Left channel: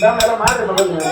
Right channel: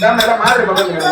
Camera மாதிரி பண்ணுங்க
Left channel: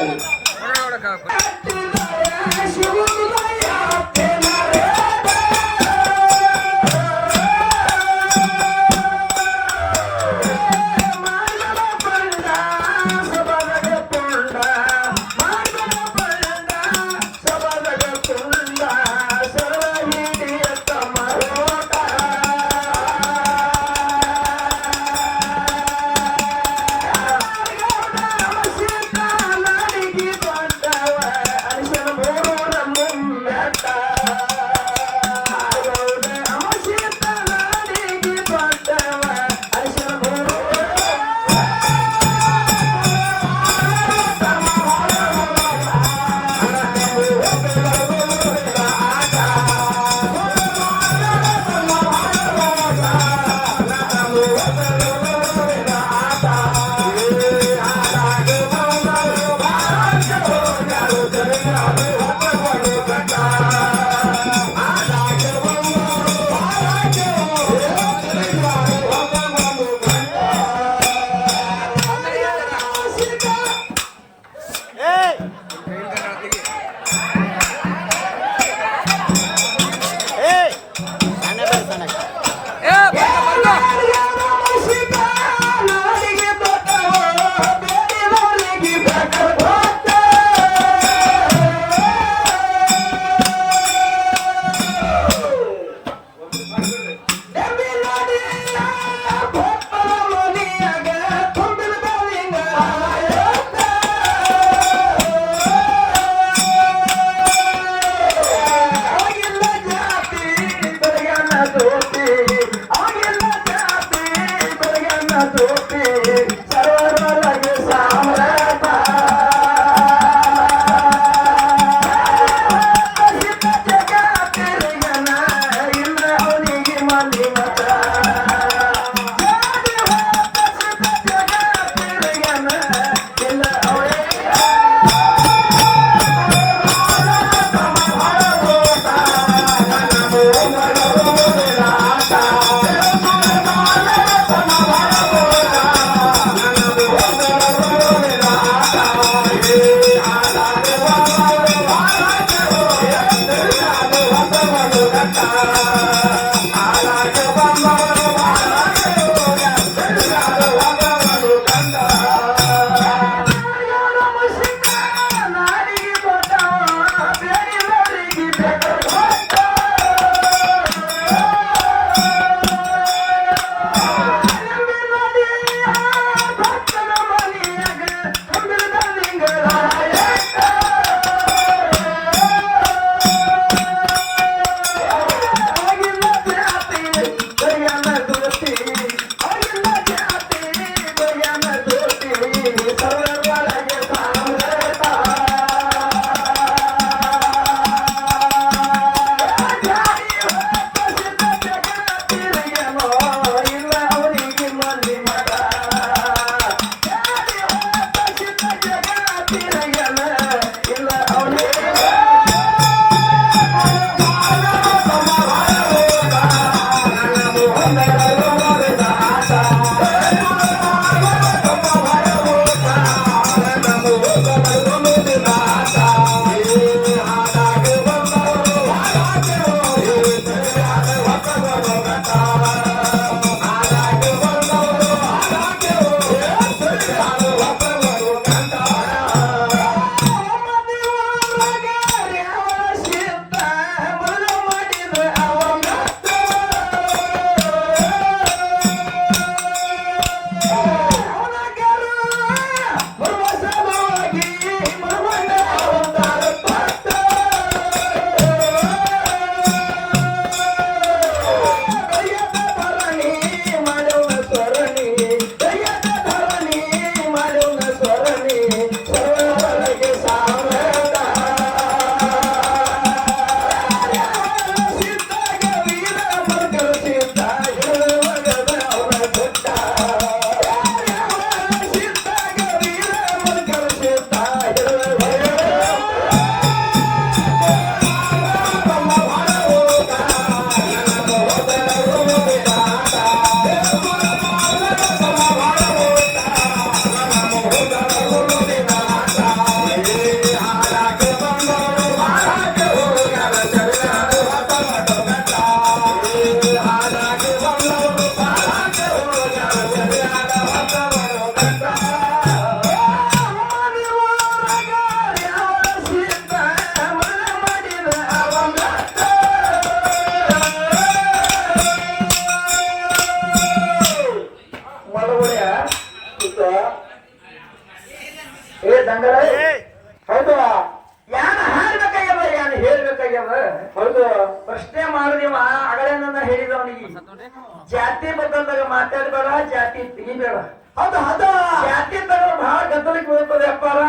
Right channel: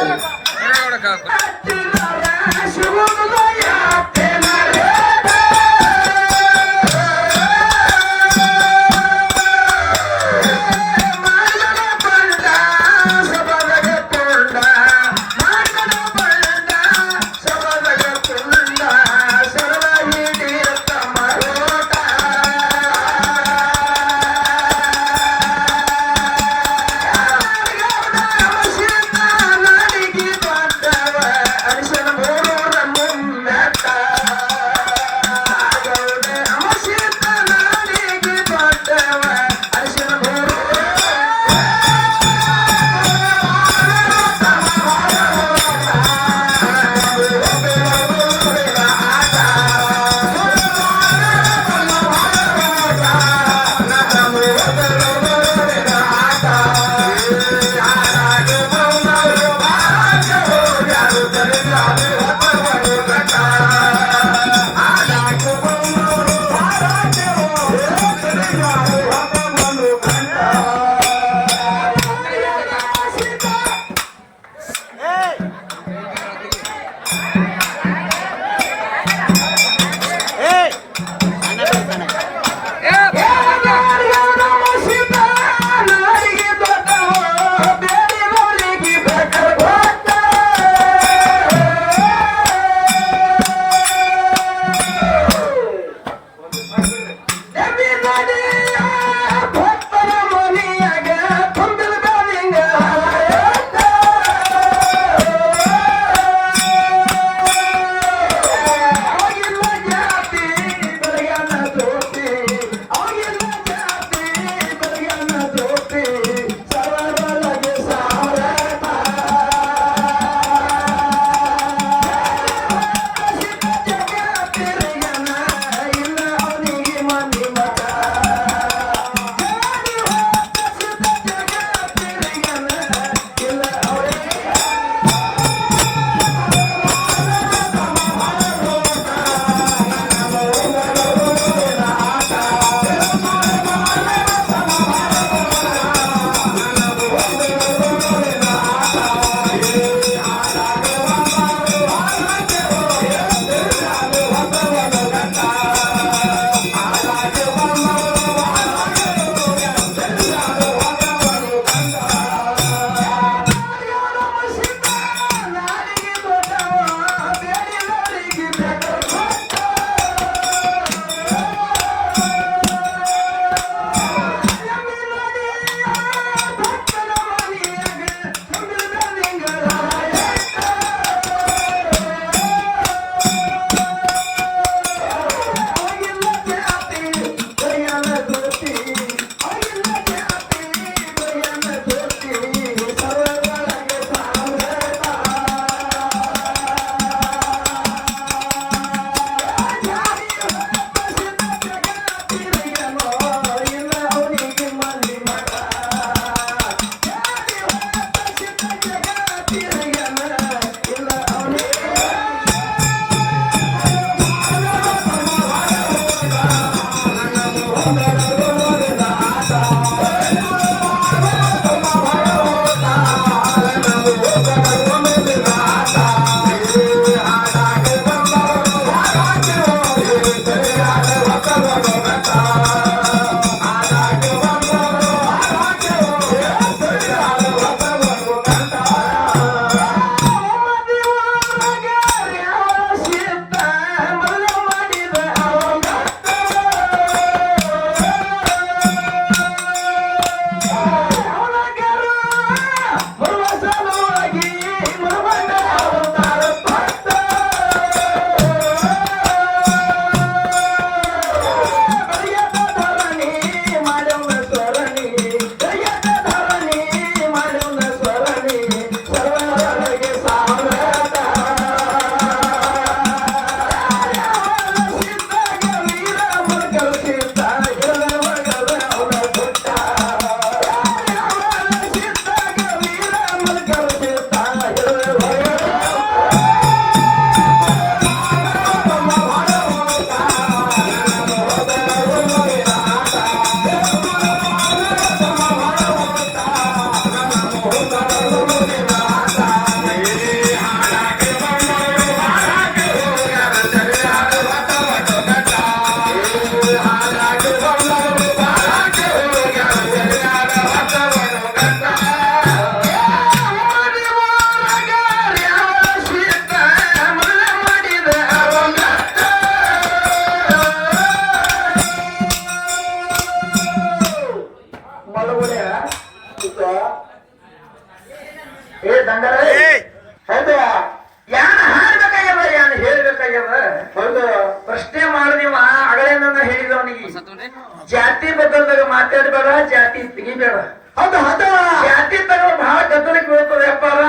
ಹೌದು. ಜಾತಿ ತಗೋ ಬಹಳ ಗದ್ದಲಕ್ಕೆ ಹೋಗ್ತದೆ ಅಪ್ಪಾರ?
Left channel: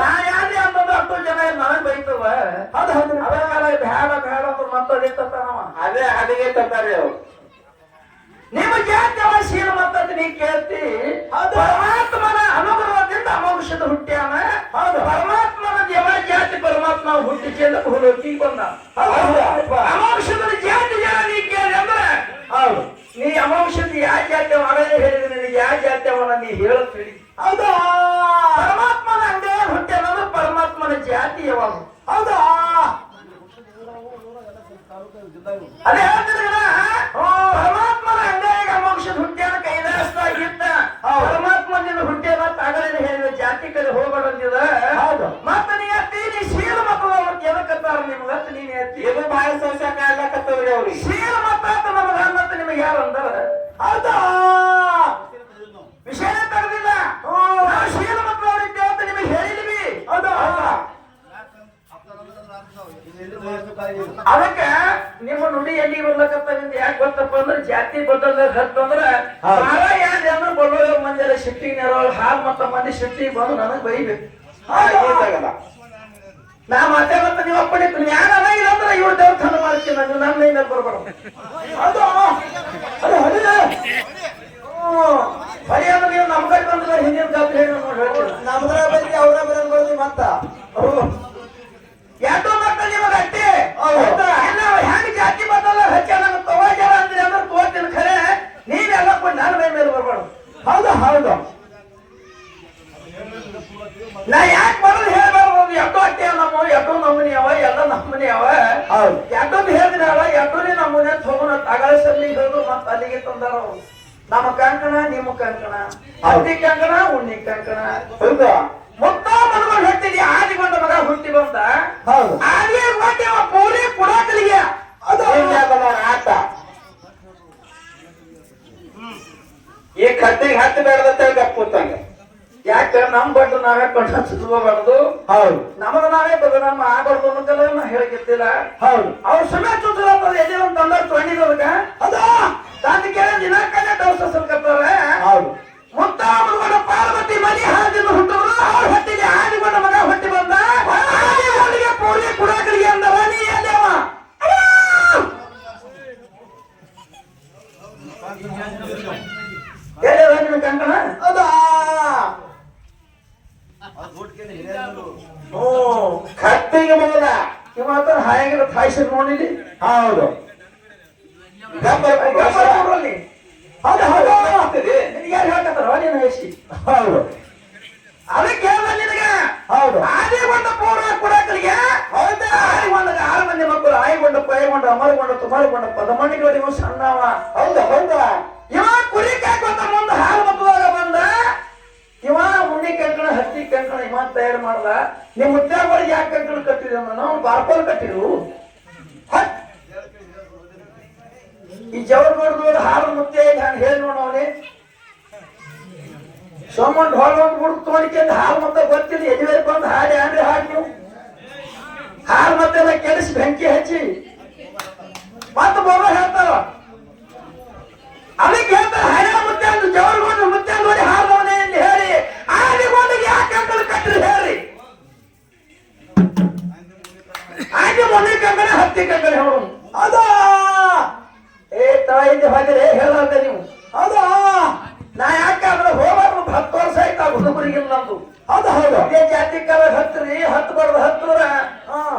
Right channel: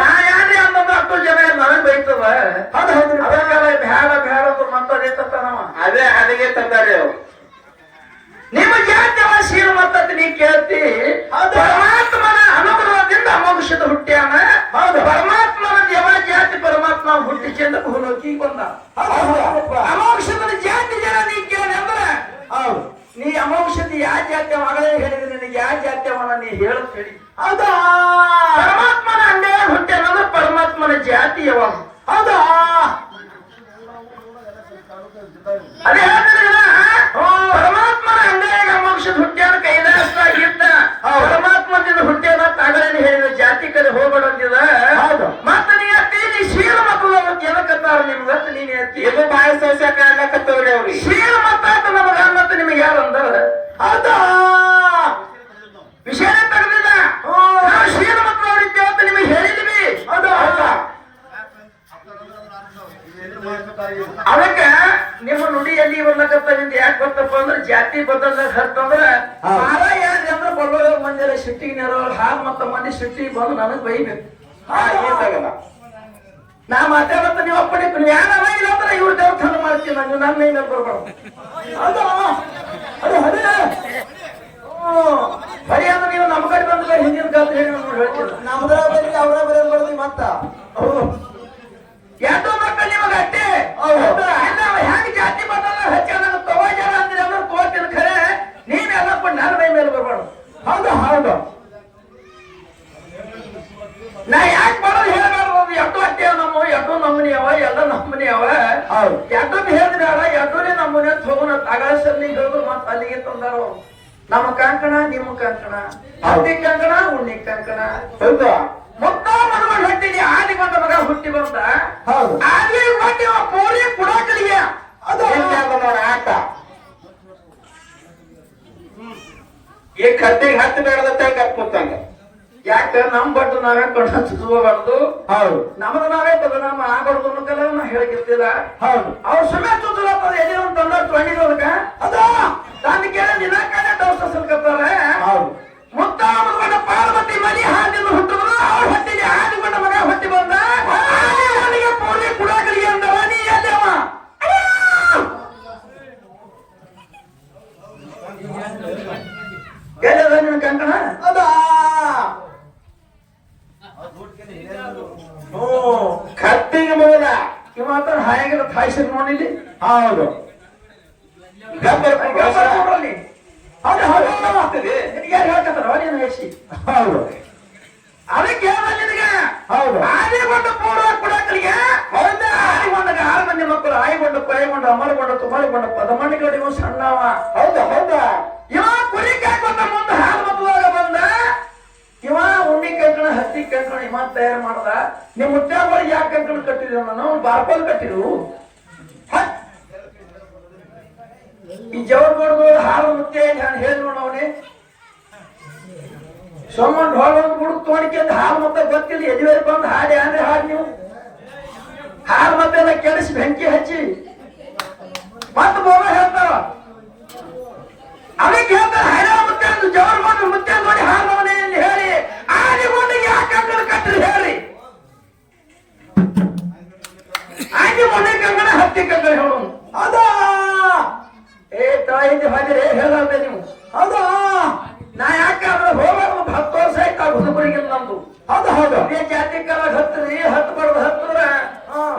ನಾ ಯಾರೇ ಅನ್ನೋದು ಹತ್ತು ಜನ ನನಗೆ ಬೈತದ ಹೌದು ಹೌದು. ಅದಕ್ಕಾಲ ಬ್ಯಾಡ ಬ್ಯಾಡ ಅಂತ ಮತ್ತದೇ ತತ್ತಾನವ ಅದೇ ಅಲ್ಲಿಗೆ ತಂದಾರಿ ಅವ್ರು. ನಿಮ್ಮ ಜಾತಿ ಶೀಲ ಮತ್ತದ ನೀ ಕೇಳ್ತಿ? ಪರಮಾತ್ಮನ ಅನುಗ್ರಹದಿಂದ ಅಮೋಕ್ಷದ ಹುಟ್ಟ್ಯಾನ. ಹೌದು. ಪರಮಾತ್ಮನ ದೇವ ಜಾತಿ ಪರಮಾತ್ಮ ಹುಟ್ಟಿ ಚೆಂದ ಭೂಲೋಕಿ ಬಂದ ಅಮೋಕ್ಷದ ಜಾತಿ ಜನ ನೀ ಕೇಳಿ ಅಂದ್ರೆ ಹೌದು. ನೀ ಅಮೋಕ್ಷದ ಯಾವ ಜಾತಿ ಮಾಡೋದೇ ಹೇಳಿದ್ರೆ ನಿನಗೆ ಯಾವ ಜಾತ್ಯ ಅವನ ನೀ ಹೇಳತ್ ಹೇಳಿ ಹೌದಾ? ಪರಮಾತ್ಮನ ಅಂಗೇ ಹುಟ್ಟೆ ಅನ್ನೋದು ಪರಮಾತ್ಮನ ಜಾತಿ ಯಾವಾಗ? ಹೌದಾ? ಅದೇ ಹೇಳ್ತಿರಲ್ಲ, ಪರಮಾತ್ಮನ ಅಂಗೈಗ ಮೋಕ್ಷದ ಹುಟ್ಟ್ಯಾನ ಕೈಲಾಸದಾಗಿದ್ದ ಪರಮಾತ್ಮನಿಂದ ಹುಟ್ಟ್ಯಾನ ತಗಲಿನ ಹೇಳಿದ ಜಾತಿ ಕಡೆ ಹೋಗ್ಬೇಡ ಅಂದಿದ ಮತ್ತೆ ನೀ ಅತ್ತಿ ನೀ ಶೀಲ ಮಕ್ಕಳು ಎದಕ್ಕತ್ತಾರ ನಿಮ್ಗತ್ತ ನೀನೇ ಅತ್ತಿ ಎದು ಬಾಯಿ ಸೋಸಕ ಆಗ್ಲಕತ್ತವ್ರಿ ಅವ್ರಿಗೆ. ಶೀಲ ಮತ್ತ ನಮಗ ಮತ್ತ ನಿಮಗೆ ಯಾರು ಅಂದವ್ರ ಹೌದಾ ವಿಷಯ ತೆಗೆದಿಲ್ಲ. ನಾವು ಶೀಲ ಮಕ್ಕಳು ಅವ್ರಿಗೆ ಅಂತ ನಿಮಗೆ ಹೇಳಿದ್ವಿ. ಅದು ಅದಕ್ಕೆ ನಿಮ್ಮ ನುಡಿಯಲ್ಲಿ ಎಲ್ಲಿ ಬರ್ಲಕತ್ತದಿಂದ ಯಾಕೆ ಗೊತ್ತಪ್ಪ ಅಂದ್ರೆ ಜಾತಿ ಬದಲ ಅಂದ್ರೆ ಬಾಳ ಯಾರು ಅಂದ್ರೆ ಬಳ್ಳೋಳ ಮಂದಿ ಎಲ್ಲ ಶಿಫ್ಟಿಂಗ್ ಹಾಲ್ ಮತ್ತ ಮಂದಿ ಶಿಫ್ಟಿಂಗ್ ಬಂದು ನನಗ್ ಬೈಬೇಕು ಆಗಲ್ಲ ನಾ ಮಾತಾಡತ್ತ ನೀವು ಅಪ್ಪಣೆ ಯಾರು ಇಲ್ಲ ಅಂದ್ರೆ ಇವ್ರ ದೇವಸ್ಥಾನ ಮಾಡ್ತೀವಿ ನಾನು. ನಮ್ಮ ಮೇಲೆ ಬರ್ಬಾರ್ದು. ಹೌದು? ಅದು ಹೊಡಿ ಅಂದ್ರೆ ನೀವು ನಮ್ಗೆ ಬಂದ್ರೆ ಹಿಂದಿನ ಕಾಲ ಹೇಳಿ ನೋಡಿ ನಮ್ದ್ರ ಬರ್ರಿ ಅವ್ರ ಬರೋದ್ ಬರ್ರಿ ಮತ್ತ. ಯಾಟೋ ಮಕ್ಕಳು ನಿಮಗೆ ಇಲ್ಲ ಹೆಂಗ್ ಜಾತಿ ಮಕ್ಕಳ ಹಚ್ಚ ನಾನು ತವಾಜಾರ ಅಂದ್ರೆ ಅಂದ್ರೆ ತೋತಿನ ಖರೆ ನೀವೆಲ್ಲ ಕೊಟ್ಟು ನನ್ನ ಮೈ ಮೇಲೆ ಬರ್ಬಾರ್ದು. ಹೌದು ಹೌದು. ನಾ ಯಾಕೆ ಮಾಡೋದು ಹೇಳ್ಬಾರ್ದು? ಎಷ್ಟೋ ಅಟ್ಟೆ ನಮ್ಮ ಎಷ್ಟೋ ನಮ್ಮನಿ ಅವ ಎಲ್ಲ ನಮ್ಮನಿ ಅವ. ಹೌದು. ಎಷ್ಟೊಂದು ಹೇಳಿದ್ರೆ ಅಲ್ಲ ನಮ್ಮನೇ ನಮ್ಮನೆ ಅಂತ ಹೋಗೋಣ ಹೇಳಿದ್ರು ಮತ್ತೆ ಅಲ್ಲಿಗೆ ತಂದಾರ. ನಮ್ಮ ಕಂಕಣ ನಿಮ್ಮ ಕಂಕಣ. ಹತ್ತಿ ಕಂಕಣ ಉಣ್ಣಿ ಕಂಕಣ. ಹೌದಾ? ಮೊತ್ತ ಮಗಗಳು ಹುಟ್ಟಿದಿ ಆದಿ ಬಂದ ಮಗ ಹುಟ್ಟಿ ಬಂದ. ಆದಿ ಮಾಡಿ ಪೂರಿ ಕುಡಾಕಲಿಗೆ ಅದು ಆಟ. ಈ ಕತ್ತಿಗೆ ಹತ್ತು ಬೇಡದ ಗಪ್ಪ ಕೂತಂಗ. ಯಾಕ ನಮ್ ಬಡ್ಡು ನಾವೇ ಕೊಂಡ ಚುಚ್ಕೋಬಾರ್ದು ಹೌದು. ನಮಗ ನಾವೇ ಬದ ನಮ್ಮ ಆಗಬಾರ್ದು ಅನ್ನೋದೆಲ್ಲ ನಾ ಹೇಳಕ್ಕಿರ್ತಿಲ್ಲ. ಹೌದು. ಅವ್ರು ಸುಮ್ಮನೆ ಚುಚ್ಚಲತ್ತದ ಎದೆ ಒಂದು ತಂದ ತೊಗೊಂಡಿರೋದಕ್ಕ ಅದ? ತಂದು ಕೇಳ ದಿನಕ್ಕನೆ ದೋಷ ಸಲ್ಕತ್ತಾರ ಹೌದು. ಮುತ್ತ ಮಗನ ಪಾರ್ವತಿ ಮನಿ ಹಾದಿನ ಹುಟ್ಟಿದ್ರು ಅವ್ರ ಹೊಟ್ಟಿಗೆ ಆದಿಗೊಂಡ ಮಗ ಹುಟ್ಟಿ ಬಂದ ಆದಿಗೊಂಡಿಗೆ ಪೂರಿ ಕುಡಾಕಲಿಗೆ ಅಂದವ ನೀ ಎಲ್ಲಿ ಅವ ಎಲ್ಲದ ನಿನ್ನ ಕಂಕಣ ಅದಾ ಓ ಕತ್ತಿಗೆ ಮಗದ ಈ ಮಾತ್ರ ಹಾಯಾಗಿರೋ ಹಾಯ್ಸಿರ್ ನೋಡಿಲಿ ಹೌದು ಗಬ್ಬರ್ ಗೊಬ್ಬರ ಕೊಡ್ರಲ್ಲಿ. ಹೌದು ಹೌದು ಆಗ್ತದೆ. ಯಾರು ಹೇಳ್ಕತ್ತಾರ ನೀನು ಹೇಸಿ ಹೌದು ಅದಕ್ಕೆ ಹೇಳ್ದ ನಿನಗೆ ಹೌದು ಆದಿಗೊಂಡ ಪೂರ್ವ ಕುಡಕಲಿಗೆ ಹೌದಾ ಆದಿಗೊಂಡ ಆರು ಮಂದಿ ಮಕ್ಕಳು ಆಯ್ಗೊಂಡ ಪಾಯ್ಗೊಂಡ ಅಮರಗೊಂಡ ತುಮರಗೊಂಡ ಪದಮಣಿಗಳಿಗೂ ಸಣ್ಣವ ಹೌದಾ ಹೌದಾ ಇವ ಕುರಿ ಕಾಯ್ಕೊಂಡ ಮುಂದೆ ಹಾಲು ಮತ್ತುವಾಗ ಬಂದ ಇವ ಉಣ್ಣಿ ಕಂಕಣ ಹತ್ತಿ ಕಂಕಣ ಇವ ತಯಾರು ಮಾಡ್ದ, ನಿಮ್ ಮುತ್ಯಾಗಳಿಗೆ ಯಾಕೆ ಕಂಕಣ ಕಟ್ಟಿದ್ರು ಅಂದ್ರೆ ನಾವು ಬಾರ್ಪಾಲ್ ಕಟ್ಟಿದ್ರು ಈ ಜವರ್ ಬಡ್ದು ಹಾಲು ಮುತ್ತೆ ಹೇಳಿ ನೋಡವನೇ ಸೋಮನ್ ಹೊಳ ಒಂದು ಗುಡ್ ತೋಡಿಕೆ ಅಂತ ಹಾಲು ಮತ್ತೆ ಗೊತ್ತಿಲ್ಲ ಎದುವೇ ಬಂದು ಹಾಡಿ ಅಂದ್ರೆ ಹಾಡಿ ನೀವು. ಹಾಲು ಮತ್ತೆ ಕೆಡಿಸಿ ಬೆಂಕಿ ಹಚ್ಚಿ. ಮತ್ತೆ ಬೋಗ ಹೇಳ್ತಾರ. ಅದಕ್ಕೆ ಹೇಳ್ತಾರೆ, ಹೈರಾಣ ಮುತ್ತೆ ಅಂದು ಜವರ್ಗೊಂಡು ಮುತ್ತೆ ಅಂದೋಡಿ ಹೇಳಿ ಆದಿಗೊಂಡಿಗೆ ಯಾಕೆ ಹೇಳ್ರಿ ಹಾಗೆ ಮನೆ ಕಂಗಣ ಹತ್ತಿ ಕಂಗಣ ಹೇಳು ಅದ? ಏ ತಾಯಿಂದ ಹೋಗಿರಿ ಹೇಳಲ್ದೆ ನೀವು? ಅದ? ನಾ ಯಾಕಂದ್ರೆ ಹೋಗೋದು ಒಂದು ಹತ್ತು ವರ್ಷ ಆಯ್ತು ಆ ಹುಡುಗರಿಗಿಲ್ಲ ನಮ್ದು ಹೌದು ಹೌದು. ಇದೇ ಜಾತಿ ಕಾಲ ಹತ್ತಿರಿ ಹತ್ತು ಬಡ್ದು ಹತ್ತಿರ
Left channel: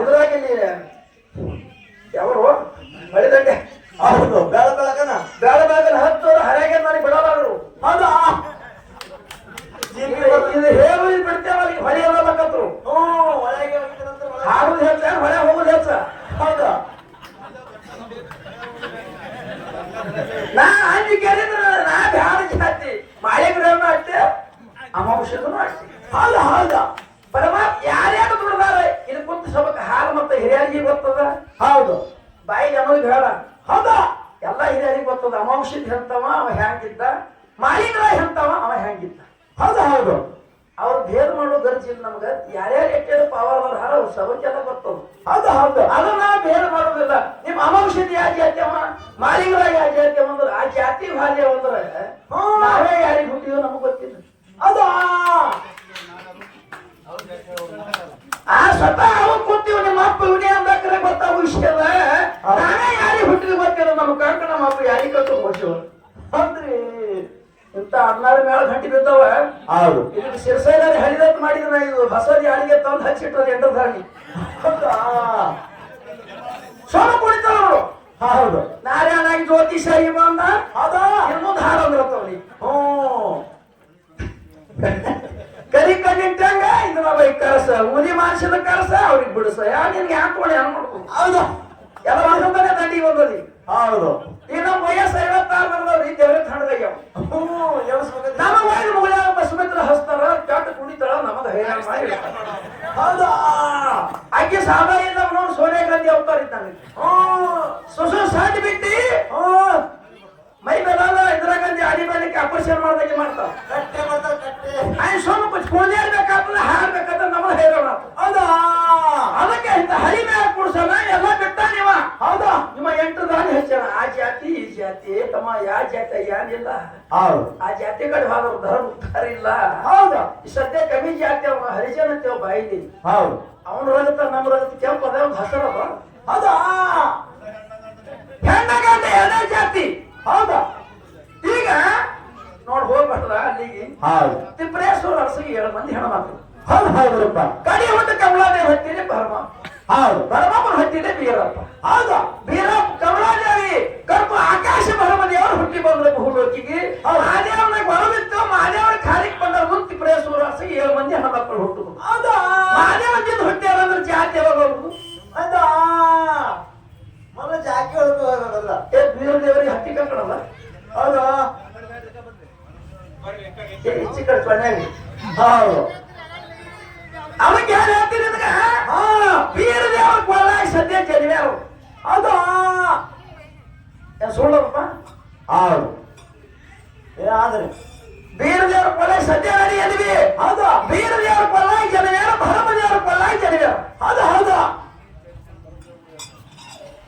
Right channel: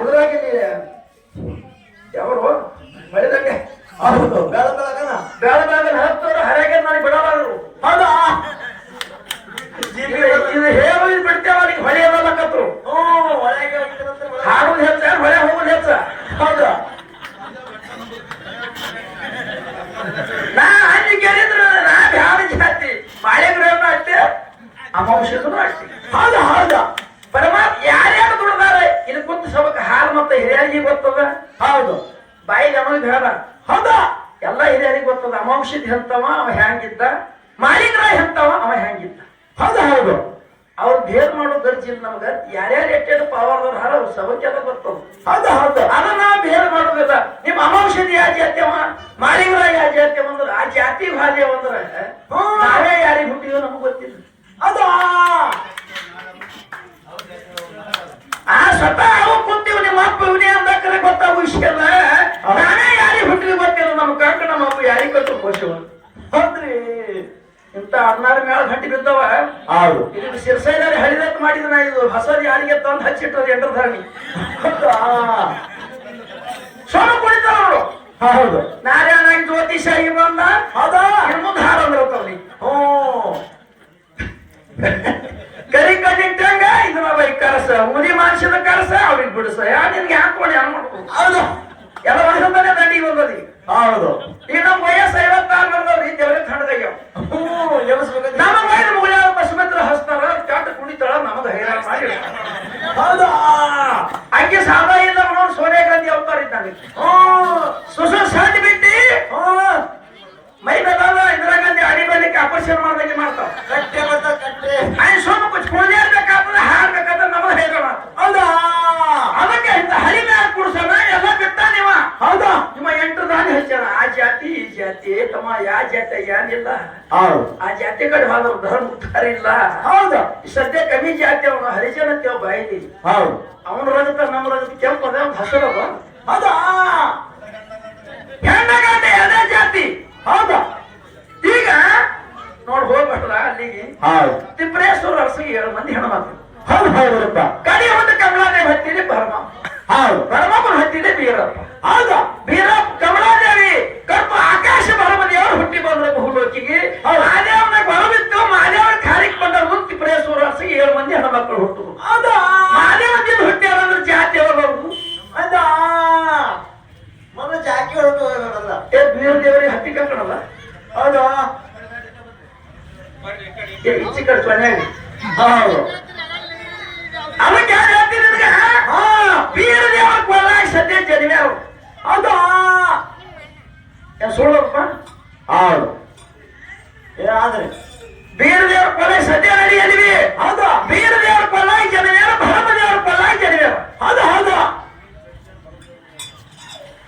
ಇದ್ರಾಗಿ ಯಾವರು? ಬೆಳೆದಕ್ಕೆ ಹೌದು. ಬೆಳಕಳಕನ ಬೇಡ ಹತ್ತಿರ ಹತ್ತು ಹರಗೆ ಮಾಡಿ ಬಿಡಬಾರದು. ಹೌದಾ? ಹೇಳು ಬಿಡ್ತೇವ ಅದಕ್ಕೆ ಹೊಳೆ ಅನ್ನಲಕತ್ರು ಹಾಡುದು ಹೆಚ್ಚ ಹೊಳೆ ಹೋಗುದು ಹೆಚ್ಚ? ಹೌದ. ನಾ ಅಲ್ಲಿ ಕೇಳಿದ್ರು ನಾ ಬ್ಯಾಡ ಜಾತಿ. ಬಾಳೆಗ್ರಹನು ಅಷ್ಟೇ ಅಮಾಂಶಕ್ಕೂ ಅಷ್ಟೇ. ಹೌದು ಹೌದು. ಪರಮಾತ್ಮ ಯಾರ್ಯಾರು ದುಡ್ದಾರ ಇದು ಕುಂತು ಸಬಕ ಹಾಲು ಮತ್ತೆ ಹಿರಿಯರಿಗೆ ಗೊತ್ತದ? ಹೌದು. ಬಾಯಿ ನಮಗೆ ಹೇಳ ಹೌದ. ಎಲ್ಲ ಹಿರಿಯರಿಗೆ ಗೊತ್ತದ. ಅಮಾಂಶದ ಹೆಂತವ ಅವ ಹ್ಯಾಂಗಿದ್ದ? ಮಾಲಿಗ್ರಹ ಹೆಂತವ ಅವ ಹೆಂಗಿದ್ದ ಹೌದು. ಅವ್ರು ಭೇದ ಮಾಡೋ ಗರ್ಜಿಲ್ಲ ನಮಗ. ಯಾರ್ಯಾರು ಎಟ್ಟೆ ಪವರ್ ಹಾರ ಅವ್ರ ಸಬಕ್ಕೆಲ್ಲ ಅದು ಹೌದು. ನಾವು ಭೇದ ಮಾಡೋದಿಲ್ಲ. ನಿಮ್ಮ ಅಮೌಷಧಿ ಯಾಜಿ ಜಾತಿ ಮಾರಿಂಗ್ರ ಯಾಜಿ ಯಾವ ಜಾತಿ ಅವ ಅಂದ್ರೆ ಆ ಜಾತಿ ಭಾರಿ ಅಂದ್ರೆ. ನಾವೇ ಯಾರಿಗೆ ಹುಟ್ಟಿದ್ರು ನಮಗ್ ಗೊತ್ತಿಲ್ಲ. ಅದ ಆ. ಸ್ವತಃ ಅವ ಕೂತೀವಿ ನಿಮ್ಮ ಅಪ್ಪ ಇವನೇ ಅಂದಾಕರೆ ಗೊತ್ತಾಗೋ ವಿಷಯ ಅಲ್ಲ ನಾವೇ ಯಾರಿಗೆ ಹುಟ್ಟಿದ ಗೊತ್ತಿಲ್ಲ ನಮ್ಮ ಕಾಕ ನಮ್ಮ ಅಪ್ಪ ಯಾರಿಗೆ ಕಟ್ಟು ಕೋಶವ ಹೌದ್ರಿ ಇಂತ ಮೇಲೆ ಗಂಟಿ ಬಿದ್ದವ. ಹೌದು. ಇದಕ್ಕೆ ಶಿರ್ಸೈನಲ್ಲಿ ಹರಿದತ್ ಮಾಡಿದ ನಾ ಇದು ಹೊಸದಿ ಯಾರಿಗೆ ತಂದು ಹಚ್ಚಿಟ್ಟದ ಎಂಟರ್ ಧಾರಣಿ ಸೋಮ ಕುಡಿತಾವ ನೋಡು ಹೌದು. ನಾರಾಯಣಾಗಿ ಜ್ಯೋತಿಷಾಗಿ ಬಂದ. ಅದ ಮುಂದೆ ಹಾರ ಅಂದ್ರತ್ತವ್ರಿ ಹ್ಞೂ. ಕರಿ ಕಣ್ಣಿಟ್ಟಂಗ ಇದು ಬೈ ಕರಸ. ಮುನಿ ಮಾಡಿಸಿದ ಕರಸ ಅವ್ರಿಗೆ ಬಿಡಿಸ. ಯಾ ನಿನ್ಗೆ ಹಾಕೊಳ್ಳಿ ಅನ್ಬೇಕು ಹೌದು. ಎಲ್ಲ ಒಂದೊಂದನೇ ದಂಡಿಗೆ ಬಂದದಿ ಹೌದು. ಇನ್ನು ವಯಸ್ಸು ಐವತ್ತಾರು ನಡೆದವ್ರಿ ದೇವ್ರ ಎಬ್ಸ್ಬೇಕಂತ. ನಮ್ಮ ವಯಸ್ಸು ಮುಗಿಯಾಗ ಬಸಮಿತ್ರ ಹಸ್ತಾರ ಚಾಟ ಕುಡಿತಾಳ ನಮಗ ಹೈರಾಣ ಮಾಡಿ. ಹೌದಾ? ಆಕೆ ಇಲ್ಲ ಅವನು ಸೋನಿಯಾ ಗಾಂಧಿ ಅವತಾರ ಇದ್ದಾನೆ. ಸುಸು ಸಾಧಿ ಬಿಟ್ಟಿ ಮೈ ಮೇಲಲ್ಲ ಇಂದಿರಾ ಗಾಂಧಿ ಅಡಿ ಬಲಿಕ್ಕೆ ಆಪರೇಷನ್ ಮಾಡ್ದಂಗೆ ಮಾಡ್ತಾವ ಕಟ್ಟೆ ಮತ್ತ ಕಟ್ಟೆ. ಆಯ್ ಸೋಮ ಕುಚ್ ಕುಣಿಯರ್ಬೇಕಾದ್ರೆ ಹಾಡ್ಬೇಕಾದ್ರೆ ನಮಗ ಹೈರಾಣ. ಅದಕ್ಕೆ ಇಂತ ಹಳಿ ಕುಡ್ಸೋಣ ಎಲ್ಲ ಬಿಟ್ಟ ನೀವ. ಹೌದು. ನಿಮ್ಮ ಎಂಟು ದಾನಿ ಹಚ್ಚಾನ ಆ ಜಾತಿ ಈ ಜಾತಿ ತಮ್ಮ ಯಾವ ಜಾತಿ ಏನಿಲ್ಲ ಹೌದು. ಆ ಜಾತಿ ಕಡೆ ಹೋದ್ರು ಧರ್ಮ ಉದ್ಧಾರ ಇಲ್ಲ. ಹೌದು. ಸದ್ಯ ಕಮ್ಮಿ ಜಾತಿ ಅವನು ಹರಿಜನ ಅಂತೇವ್ ಬಾಯಿಲಿ ಹೌದು. ಅವನ ರಜತ ನಮ್ಮ ರಜತ ಕೆಂಪು ಅದ ಒಂದು ಹಸಿರದ ಹೌದಾ. ಹೆಣ್ಣ ಗಂಡ ಎರಡೇ ಜಾತಿ. ಹೌದು. ಈಗ ನೋಡ್ ಹೋಗ್ಬಿಟ್ರ ಅಲ್ಲಿಗೆ ಹೌದು. ತಿಪ್ರೇಶ್ವರ ಅರಸಿಗೆ ಏಳು ಮಂದಿ ಹೆಣ್ಮಕ್ಳು. ಹೌದು ಹೌದಪ್ಪ ಕಡಿ ಹೊತ್ತು ಕಮಲಾದೇವಿ ಹತ್ತಿದೆ ಪರಮ ಹೌದು ಪರಮಪ್ಪನ ಹತ್ತಿದೆ ಬೀರಪ್ಪ ಹೌದಾ ಬೀರಪ್ಪ ಕಮಲಾದೇವಿ ಕರ್ಪ ಆಕಾಶ ಪರಮದೇವರು ಹುಟ್ಟಿ ಬಂದ್ರ ಬಹುಲೋಕಿಗೆ ಮಾದೇವನ ಗೊಳಬಿತ್ತು ಮಾದೇವನ ಕಾರ್ಯಕ್ಕೆ ಬಂದ ಮುಂದೆ ತಿಪ್ರೇಶ್ವರ ಅರಸಿಗೆ ಏಳು ಮಂದಿ ಹೆಣ್ಮಕ್ಳು ಹುಟ್ಟುದು ಹೌದಾ ಮಾದೇವದಿಂದ ಹುಟ್ಟ್ಯಾರಂದ್ರೆ ಜಾತಿ ಯಾವಾಗ ಅವ್ರು ಹೌದಾ ಮಗ ಜಾಕಿ ಹೊರಟು ಹೋಗೋದಲ್ಲ ಏ ಬೀರ ದೇವರಿಗೆ ಹತ್ತಿ ಕರ್ಕಣಲ್ಲ ಹೌದಾ ಏ ಇಚ್ಚಿ ಕಡೆ ಕೊನೆಯಾಗಿ ಹೌದು ಅವಕ್ಕೆ ಯಾರು ಹೇಳ್ತೀನಿ ನಿನಗೆ ಹಾ ಬೀರ ದೇವರ ಕೊಲ್ಲಾಗ ಹೌದಾ ಏನ್ ಸುಳ್ಳಪ್ಪ? ಹೌದು. ಆದ್ರೆ ಬೀರ ದೇವರ ಕೊಲ್ಲಾಗ ಸದ್ಯ ನಡಿ ಎಲ್ಲಿವಿ ಹೌದು. ಬೀರ ದೇವರ ಕೊಲ್ಲಾಗ ಜನಿವ್ಯಾರ ಭರಮ ದೇವರ ಕೊಲ್ಲಾಗ ಜನಿವ್ಯಾರ ಹೌದು ಹೌದು.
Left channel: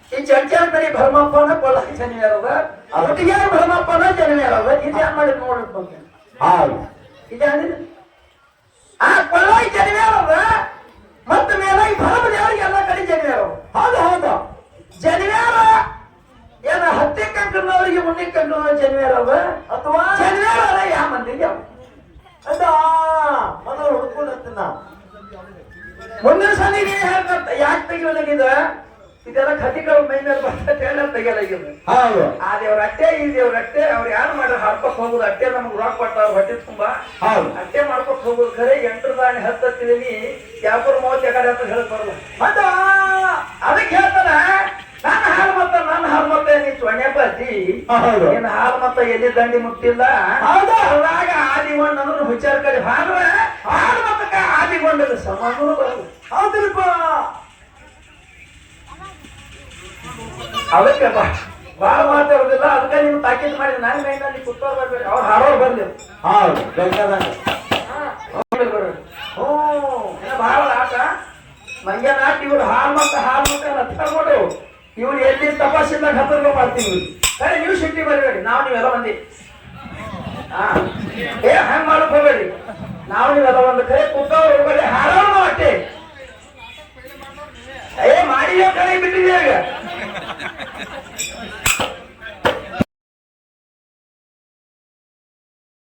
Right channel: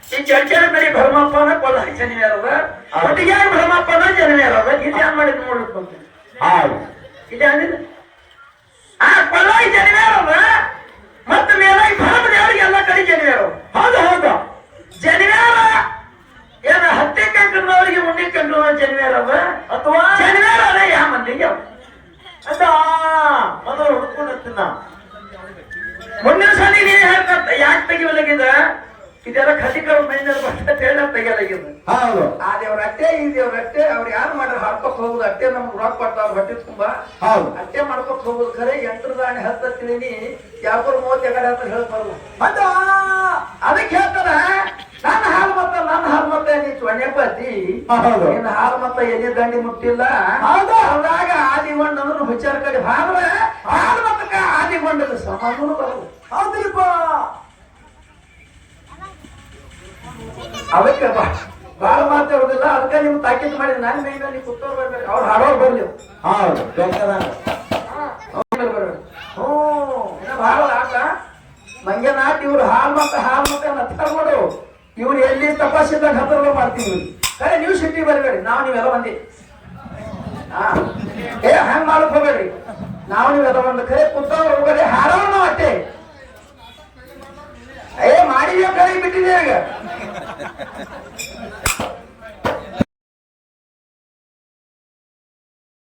ಈ ಚರ್ಚೆನ ಕಡೆ ಭರಮಪ್ಪನ ಕೊಲ್ಲಾಗ ಜನಿವ್ಯಾರದ ಒಟ್ಟಿಗೆ ಭರಮಪ್ಪನ ಜನಿವ್ಯಾರದ ಇದು ಏನ್ ಮಾಡಿದ್ ನೋಡ್ಬೇಕು ಹೌದು. ಇದು ಆ ಕೊಲ್ಲಾಗ ಜನಿವ್ಯಾರದ ಮತ್ತೆ ಮೇಲಾಗಿ ಭರಮ ದೇವರಿಗೆ ಎಲ್ಲ ಕಡೆ ಜನಿವ್ಯಾರ ಹೌದು ಹೌದು. ಜನಿವಾರ ಏನ ಹತ್ತೆ ಕಂಕನವರಿಗೆ ಉಣ್ಣಿ ಕಂಕನವ ಜನಿವಾರ ಅವ ಅಥವಾ ಜನಿವಾರ ಅದ ಯಾ ಮಂದಿಗೆ? ಅದ ಮೊದಲು ಹುಡ್ಕೊಂಡು ಮುಂದಿನ ಸಲ ಹೇಳ್ಕಂತ ಯಾಕೆ ತೆಗಿವಲಾಗಿದ ಇದೆಲ್ಲ ಖತಿಕರ ಮೈ ಮೇಲೆ ಬರ್ತದೆ ಹೇಳ ತೆಗಿಯಲಾಗಿದ. ಹೌದು. ಆ ದೇವ್ರ ಅಟ್ಟೆ ಈ ದೇವ್ರ ಅಟ್ಟೆ ಅವ್ರು ಯಾರು ಮಾಡಿ ಹಾಡ್ಕೊತ್ ಹೋಗುದು? ಅಟ್ಟೆ ನಮ್ಗೆ ರೊಕ್ಕ ಕೊಟ್ಟ ಹೊಟ್ಟೆ ತುಂಬಾ. ಹೌದು. ಅಟ್ಟೆ ಮಾಡ್ಕೊತ್ ಹೋಗುದು ಖರೆ ಎಂಟ್ರ ದಾಣಿ ಹತ್ತಿದ್ದೀನಿ ಯಾವ್ದು ಮೂವತ್ತು ಎಕಡೆ ಅಂತ ಹೇಳ್ಬಾರ್ದು ಮತ್ತ ಅದಕ್ಕೆ ಹೇಳ್ತಾರ ನನ್ನ ಹಾಲು ಮತ್ತ ನನ್ನ ಹಾಲು ಮತ್ತ ನೀ ಹೌದು. ನಿನ್ನ ಹಾಲು ಮತ್ತ ಎಲ್ಲಿ ದಂಡಿ ಮುಟ್ಟಿಲ್ಲ? ಹೌದಾ. ಆದಿ ಆದಿಗೊಂಡು ಅಂದ್ರೆ ಹುಚ್ಚಾರ ಕಡೆ ಹಾಲು ಹಾಲು ಆದಿ ಆದಿಗೊಂಡದ ಸಮಾನೂ ಹೌದ್ರಿಪ್ಪ ಅದಕ್ಕೆ ಬಾ ಭಾಳ ಮಾತಾಡೋದಿಲ್ಲ ಅದಕ್ಕೆ ನೀವು ತಾಕೀತ್ ಮಾಡಿ ನಾನು ಮೇಲೆ ನೀವು ಕುತ್ತೋರ್ ಬರ್ಬೇಕು. ಅವ್ರು ಹಾಡೋರು ಬರ್ಲಿ. ಅವ್ರಿಗೆ ಬರ್ಬೇಕು ಹ್ಞೂ ಭಾಳ ಆಟ ಇವ್ರು ಹಾಲ್ ಮತ್ತ ಹಾಲ್ ಮತ್ತ ನೋಡು ಇವ್ರು ಎಲ್ಲಿ ತಪಾಸಿದ್ದಾಗ ಹತ್ತಿರ ಮಾಡ್ತೀವಿ. ಅರೆ ನೀವು ಸಿಟಿ ಬರಬೇಡಿ. ನಾವು ನೀವೆಲ್ಲ ಬಂದಿ. ಹಾ. ಏ ಹಂಗ್ ಮಾಡಕ್ ಹೋಗಬೇಡಿ. ನಾವು ನೀವೆಲ್ಲ ಒಂದು ಕರೆ ಕುತ್ತವ್ರು ಹೋಗಲಿ ಹಾಡೋಣ ನಾವು ಏ ಮಾಡಿ ಕೈ ಬಿಟ್ಟಿದ್ಯಾಗ ಈಗ? ハハハ